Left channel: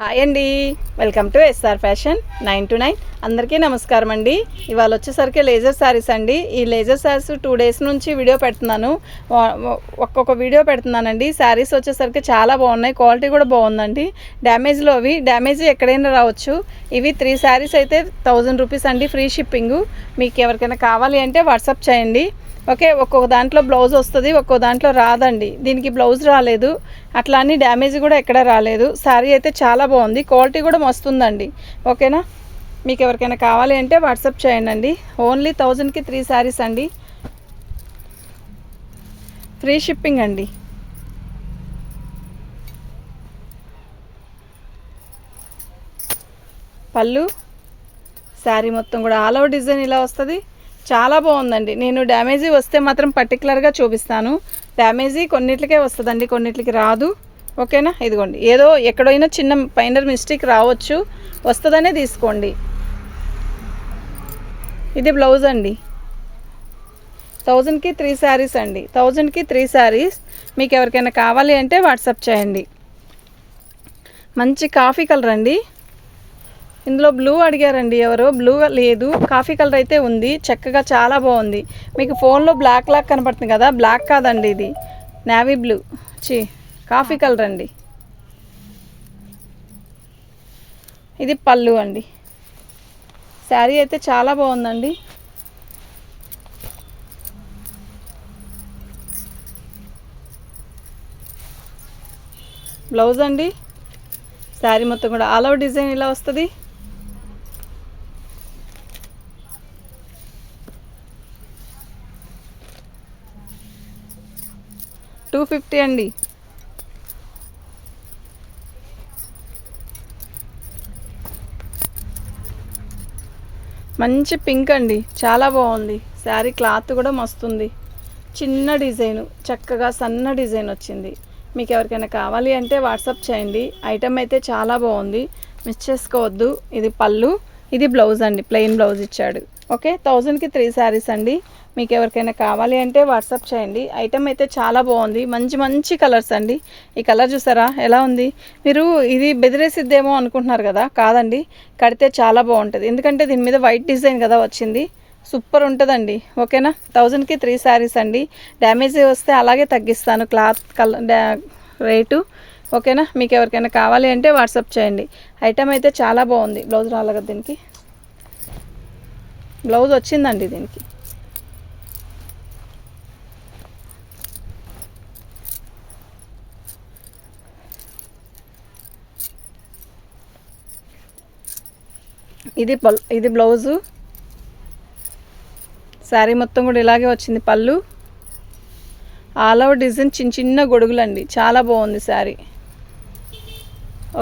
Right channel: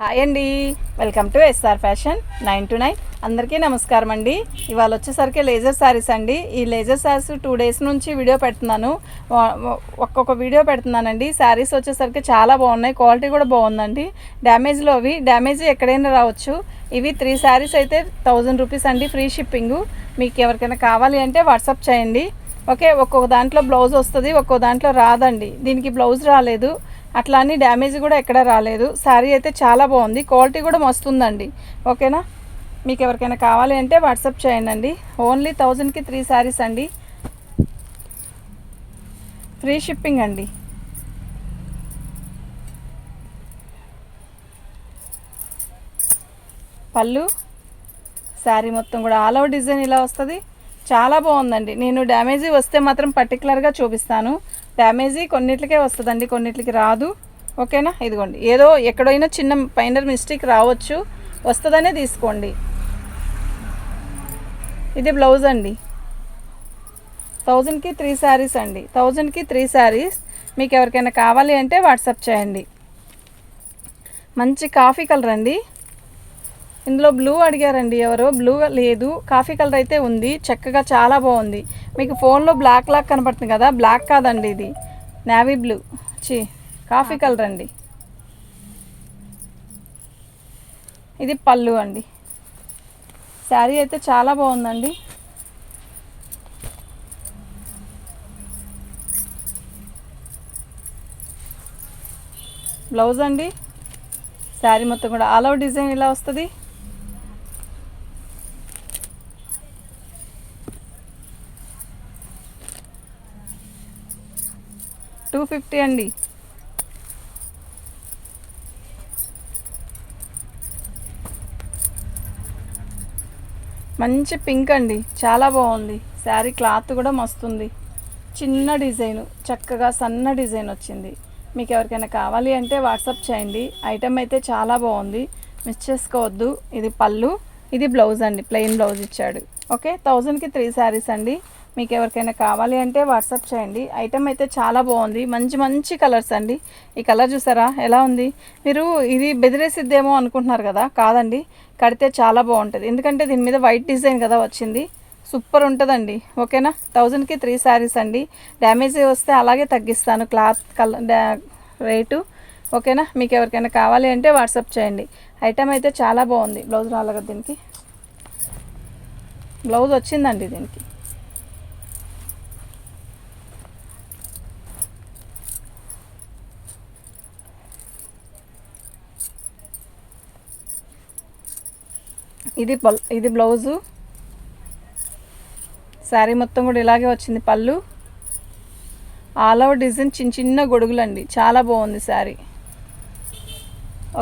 Hi అండి, welcome to S ఫ్యాషన్ 9 to 9. అందరికీ నమస్కారం అండి. ఇవాళ వచ్చేసరికి లేజర్ శారీస్ అండి. ఈ లేజర్ శారీస్ 2 days నుంచి వీడియో పెడుతున్నాను, ఒక్కొక్క వీడియో పెడుతున్నానండి. శారీస్ వచ్చేసరికి చాలా బాగున్నాయి, క్వాలిటీ కూడా బాగుందండి. డ్యామేజ్లో అవి డ్యామేజ్ ఎక్కడైనా రావచ్చు. ఇవి 3 శారీస్ అయితే 1000 రూపీస్ అండి, ఫ్రీ షిప్పింగ్. మీకు ఎవరికైనా కావాలి అంటే వాట్సాప్ చేయండి. ఓకే, ఒక్కొక్క దాంట్లో బ్లౌజ్ వస్తుంది, ఒక్కొక్క దాంట్లో రాదండి. దీనికి బ్లౌజ్ రాలేదు, అట్లా అని డ్యామేజ్ కూడా ఎక్కడ రాలేదు. శారీ అయితే చాలా బాగుంది, క్వాలిటీ కూడా మస్తుందండి. ఓకేనా, మీకు ఎవరికైనా కావాలి అంటే వాట్సాప్ చేయండి. ఓన్లీ 1000కి 3 శారీస్ అండి, ఫ్రీ షిప్పింగ్ అండి. పళ్ళు శారీ మొత్తం కూడా ఆల్ ఓవర్ డిజైన్ ఇలా వస్తుంది, చాలా బాగుందండి. నేను డ్యామేజీ వస్తే మాత్రం పర్టికులర్గా చూపిస్తాను. డ్యామేజీ కొన్నిట్లకే వస్తుందండి, కొన్నిట్లకి రాదు. ఓకేనా, ఇదిగోండి, ఏదో ఎక్కడైనా చిన్న పైనర్ మిస్టేక్ రావచ్చు, వస్తుందనే తీసుకోండి. ఇది బ్లౌజ్ అండి. 1000కి 3 శారీస్ అండి, 1000కి 3 శారీస్. మీకు ఎవరికైనా కావాలి అంటే వాట్సాప్ చేయండి. మంచి కాఫీ కలర్ అండి. ఇందులో బ్లూ అడిగారండి ఎవరో, బ్లూ లేదు, కాఫీ కలర్ అయితే ఉంది. చక్కగా చాలా బాగుంది. మీకు ఫోన్లో బ్లాక్ లాక్ కనపడుతుంది కదా, బ్లాక్ కాదండి, ఇది నేవీ బ్లూ, కాఫీ కలర్ అండి. ఇది పళ్ళు అండి. శారీ అయితే చాలా బాగుందండి. బ్లౌజ్ అండి. శారీ మొత్తం కూడా ఆల్ ఓవర్ డిజైన్ ఇలా వస్తుంది. 250 అండి. మంచి పింక్ అండి, చాలా బాగుంది. శారీ క్లాత్ కూడా మస్తుంది. చిన్న డిజైను, చక్కగా సన్న డిజైన్ వచ్చింది. మీకు ఎవరికైనా కావాలి అంటే వాట్సాప్ చేయండి. ఐటమ్ అయితే చాలా బాగుంది, మిస్ చేసుకోవద్దు. ఇది పళ్ళు, ఇది బ్లౌజ్ అండి, ప్లెయిన్ బ్లౌజ్ ఇచ్చాడు. ఓకే, 1000కి 3 శారీస్ అండి. మీకు ఎవరికైనా కావాలి అంటే వాట్సాప్ చేయండి. ఐటమ్ అయితే చాలా బాగుంది, మంచి మంచి కలర్స్ అండి. ఈ కలర్ చూసారా ఎలా ఉంది? మీరు ఇది బెదిరేసిద్దేమో అనుకుంటున్నారు కదా, కాదండి, కడితే చాలా బాగుంటుంది. ఎందుకంటే దీని మీద వైట్ డిజైన్ కదా వచ్చింది, సూపర్ ఉంటుందండి. ఓకేనా, 1000కి 3 శారీస్ అండి. డ్యామేజ్ వస్తే అలాగే తగ్గిస్తాను క్లాత్ కలర్ రేటు. ఓకేనా, మీకు ఎవరికైనా కావాలి అంటే వాట్సాప్ చేయండి. ఐటమ్ అయితే చాలా బాగుంది. బ్లౌజ్ రాలేదు, దీనికి బ్లౌజ్ వచ్చిందండి. దీనికి ఇది బ్లౌజు. శారీ మొత్తం కూడా ఇలాగే వచ్చింది. పళ్ళు ఆల్ ఓవర్ డిజైన్ చిన్న చిన్న గొడుగులండి, చాలా బాగుంది శారీ.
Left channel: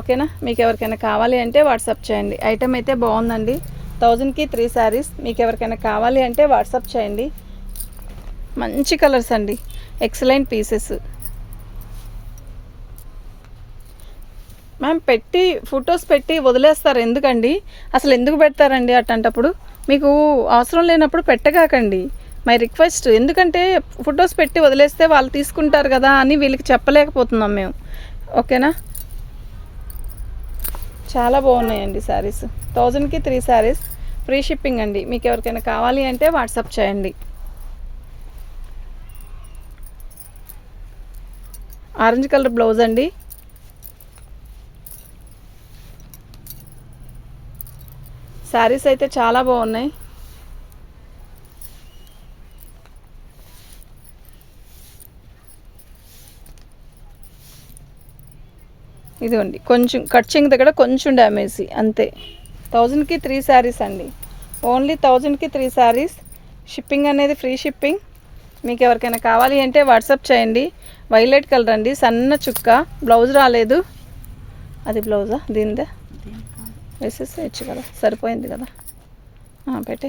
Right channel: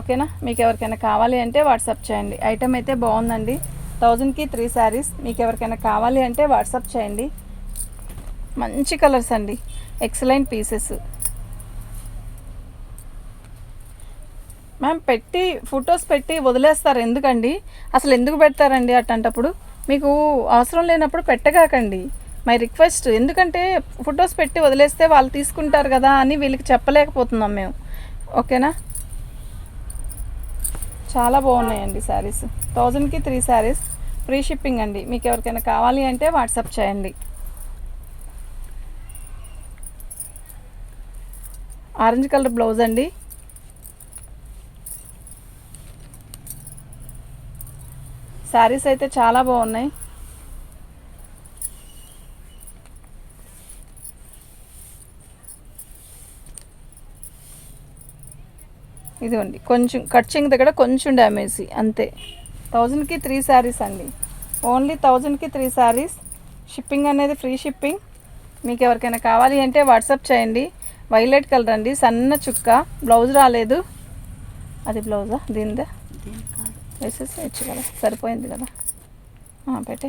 ఓకేనా, మీకు ఎవరికైనా కావాలి అంటే వాట్సాప్ చేయండి. ఐటమ్ అయితే బాగుందండి. 1000కి 3 శారీస్. మీకు ఎవరికైనా కావాలి అంటే వాట్సాప్ చేయండి. మంచి కలర్స్ అండి, ఎక్సలెంట్ పీసెస్. మ్యామ్ పెట్టి ఫొటోస్ పెట్టి వదిలేస్తారు ఎందుకండి? అసలు ఎందుకు పెడతారండి అట్టంటప్పుడు? మీకు అవసరం లేనప్పుడు పెట్టగాకండి, మై రిక్వెస్ట్. ఎందుకంటే ఫొటోస్ పెట్టి వదిలేస్తే వాళ్ళు తీసుకుంటారు కదా అని వీళ్ళకి చెప్పలేకపోతున్నాం మేము. ఓకేనా, చాలా బాగున్నాయండి శారీస్. 1000కి 3 శారీస్, ఫ్రీ షిప్పింగ్ అండి. మీకు ఎవరికైనా కావాలి అంటే వాట్సాప్ చేయండి. ఆరెంజ్ కలర్ బ్లౌజ్ అండి. శారీస్ అయితే చాలా బాగున్నాయి. ఇదిగోండి, కొంచెం కట్చింగ్ దగ్గర కొంచెం డ్యామేజ్ అంతే. 1000కి 3 శారీస్ అండి, ఓన్లీ 1000కి 3 శారీస్. షిప్పింగ్ అనేది ఫ్రీ షిప్పింగ్. మీకు ఎవరికైనా కావాలి అంటే వాట్సాప్ చేయండి. వైలెట్ కలర్ అండి, సన్న చుక్క. బ్లౌజ్ రాలేదు, అది బ్లౌజా దీనిదా? వేసేసి కదా, సరిపోయింది కదా, పెట్టే.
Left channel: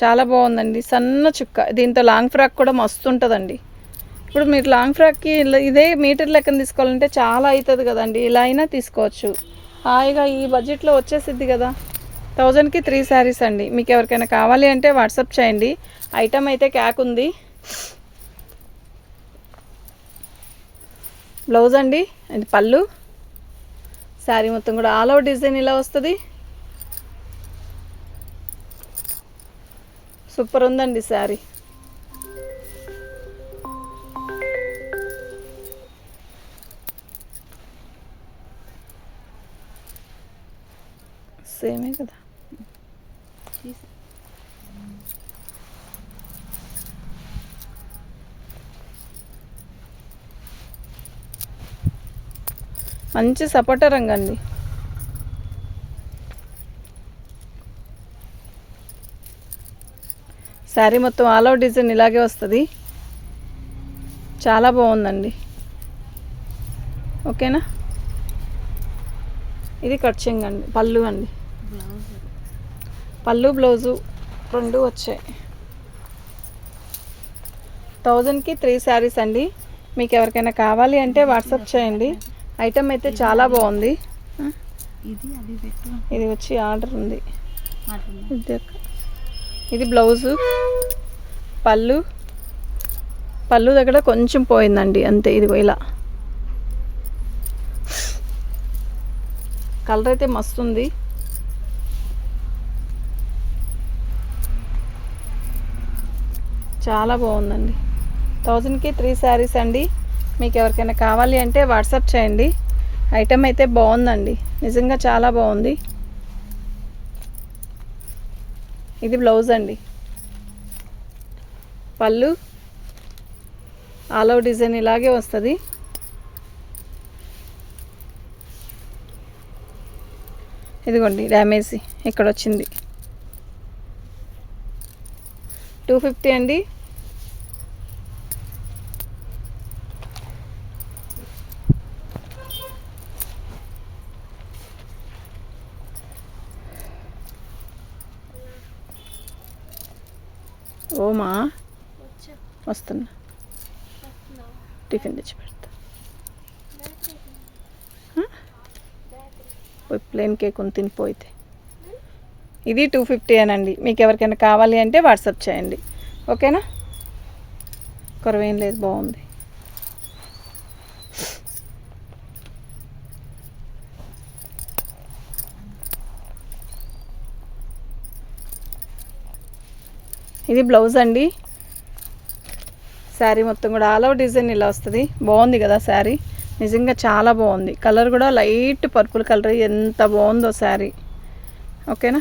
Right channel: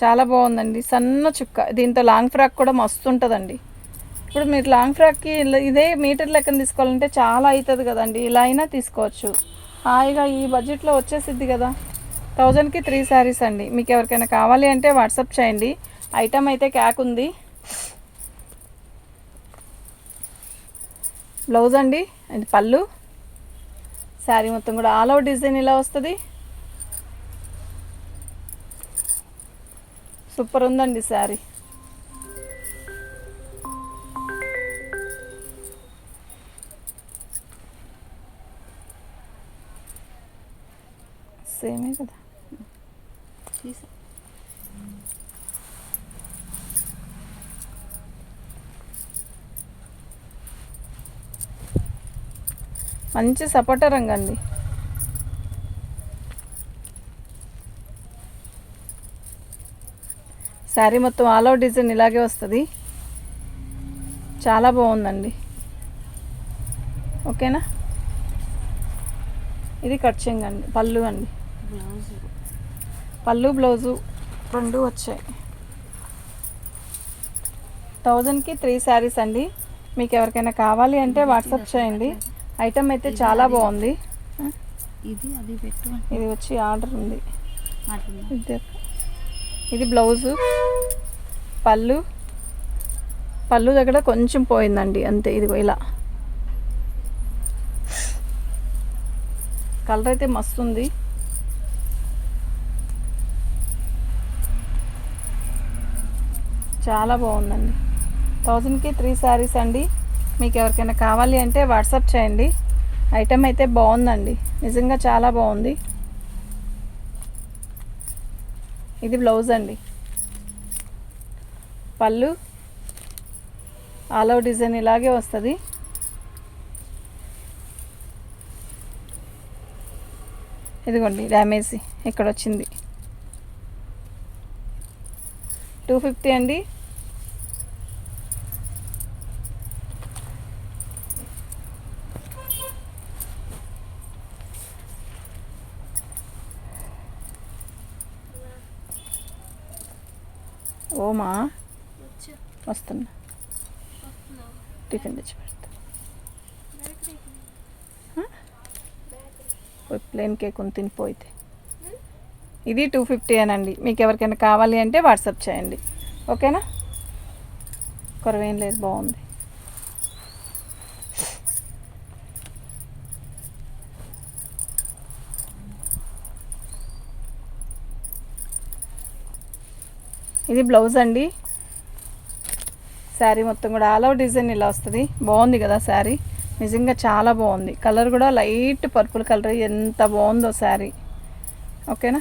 చాలా బాగుందండి, సన్న చుక్క. దీంతో లాంగ్ ఫ్రాక్ కూడా మస్తు ఉంటుందండి. ఇప్పుడు మీరు లాంగ్ ఫ్రాక్కి ఇదే మీటర్ లెక్కన తీసుకోవాలంటే చాలా అవుతుంది కదండి, ఇలా అయినా తీసుకోవచ్చు. హాయిగా ఈ బడ్జెట్లో వచ్చేసిద్ది కదా. 1000కి 3 శారీస్ అండి. మీకు ఎవరికైనా కావాలి అంటే వాట్సాప్ చేయండి. ఐటమ్ అయితే క్యాక్ ఉంది. బ్లౌజ్ అండి, ఇది పళ్ళు. శారీ మొత్తం కూడా ఆల్ ఓవర్ డిజైన్ ఇలా వస్తుంది. సూపర్ ఉందండి శారీ. సేమే కదా. మంచి సపోటా రంగు అండి. శారీ మొత్తం ఆల్ ఓవర్ డిజైన్ ఇలాగే వస్తుంది. చాలా బాగుందండి. ఓకేనా. ఇది కట్ చెంగ్ అండి, పళ్ళు అండి. పళ్ళు బ్లౌజు రెండు వచ్చాయి. 1000కి 3 శారీస్ అండి. మీకు ఎవరికైనా కావాలి అంటే వాట్సాప్ చేయండి. ఐటమ్ అయితే చాలా బాగుంది. ఇది వచ్చి ఆర్డర్ ఉంది. ఇది బ్లౌజు, పళ్ళు దగ్గర కొంచెం పోయిందండి అంతే. ఇది ఇలా కలర్ అయితే మస్తు ఉంది. చాలా బాగుందండి. 1000కి 3 శారీస్ అండి. మీకు ఎవరికైనా కావాలి అంటే వాట్సాప్ చేయండి. ఐటమ్ అయితే బాగుందండి, నిజంగా చాలా బాగుంది. ఇది బ్లౌజ్ అండి. పళ్ళు ఆల్ ఓవర్ డిజైన్ ఇలాగే వస్తుంది. ఇదిగోండి డ్యామేజ్ ఇక్కడ వచ్చింది. 250 అండి. ఓమా వస్తున్నా, టిఫిన్ తెచ్చి పెడతా. ప్లేన్ కేక్ ఉంది తినిపోయితే. ఇది 250 అనండి. మీకు ఎవరికైనా కావాలి అంటే వాట్సాప్ చేయండి. ఓకేనా. కొరవేం లేదు, బాగుంది. ఇది బ్లౌజ్ అండి. శారీ మొత్తం కూడా ఆల్ ఓవర్ డిజైన్ ఇలా వస్తుంది. బాగుంది కదా శారీ, నిజంగా చాలా బాగుంది. కలర్ కూడా లైట్ పర్పుల్ కలర్, ఎంత బాగుందో శారీ. ఓకేనా.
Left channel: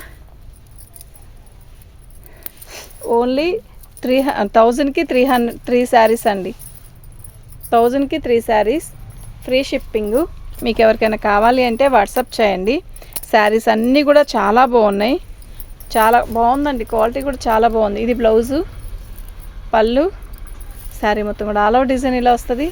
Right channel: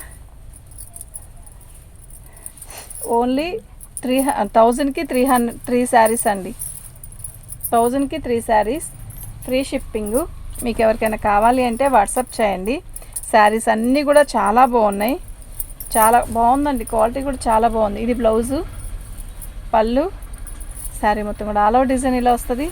ఓన్లీ 1000కి 3 శారీస్ అండి. 1000కి 3 శారీస్, ఫ్రీ షిప్పింగ్. మీకు ఎవరికైనా కావాలి అంటే వాట్సాప్ చేయండి. శారీస్ అన్నీ కూడా చాలా బాగున్నాయి, చాలా బాగుందండి. క్వాలిటీ కూడా చాలా బాగుంది. ఇది బ్లౌజు, పళ్ళు, శారీ మొత్తం కూడా ఆల్ ఓవర్ డిజైన్ ఇలా వస్తుంది.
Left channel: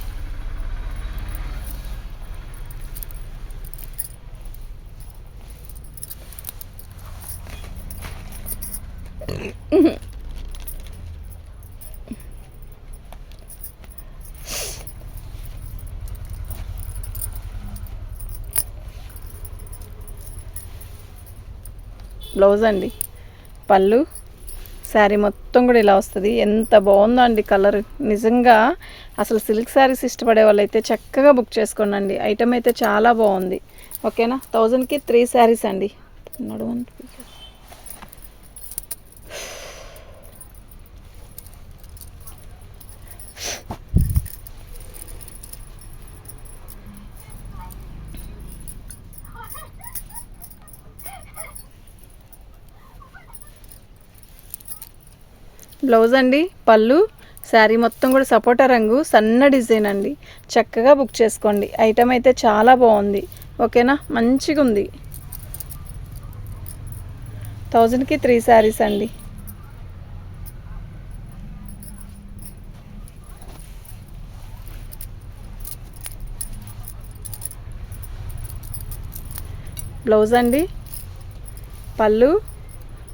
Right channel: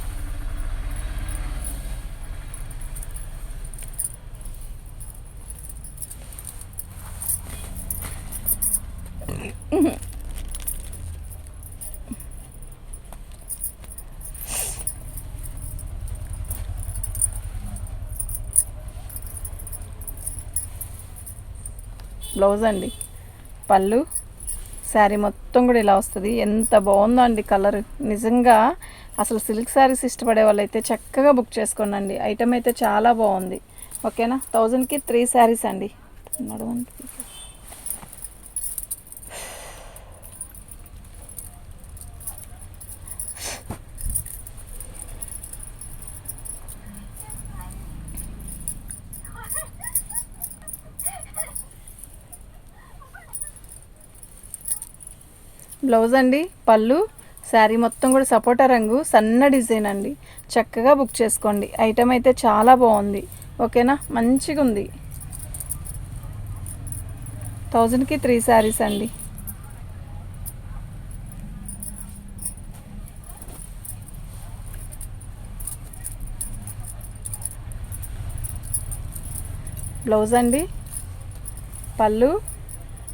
బ్లౌజ్ అండి, పళ్ళు, శారీ మొత్తం కూడా ఇలా వస్తుంది. ఎంత బాగుందో అండి కలర్, నిజంగా అసలు సిల్క్ శారీస్ ఇష్టపడే వాళ్ళైతే చక్కగా బుక్ చేసుకోండి. ఐటమ్ అయితే చాలా బాగుంది. ఓకేనా. 1000కి 3 శారీస్ అండి. బ్లౌజ్ అండి, పళ్ళు, శారీ మొత్తం కూడా సపోటా రంగు, సన్న డిజైన్ అండి. చక్కగా బుక్ చేసుకోండి. ఐటమ్ అయితే చాలా బాగుంది. ఓకేనా, మంచిగా ఉంది. 1000కి 3 శారీస్ అండి. బ్లౌజ్ అండి, పళ్ళు,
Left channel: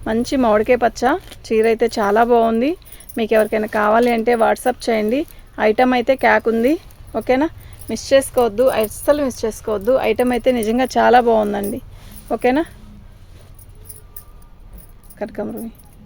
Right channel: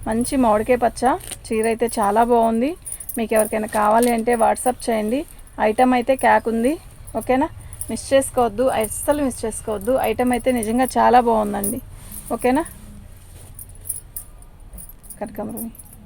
మంచి మామిడికాయ పచ్చ చీర అయితే చాలా బాగుంది. మీకు ఎవరికైనా కావాలి అంటే వాట్సాప్ చేయండి. ఐటమ్ అయితే క్యాక్ ఉంది. ఓకేనా, మిస్ చేసుకోవద్దు, అస్సలు మిస్ చేసుకోవద్దు. ఐటమ్ అయితే నిజంగా చాలా బాగుందండి. ఓకేనా. కనకాంబరం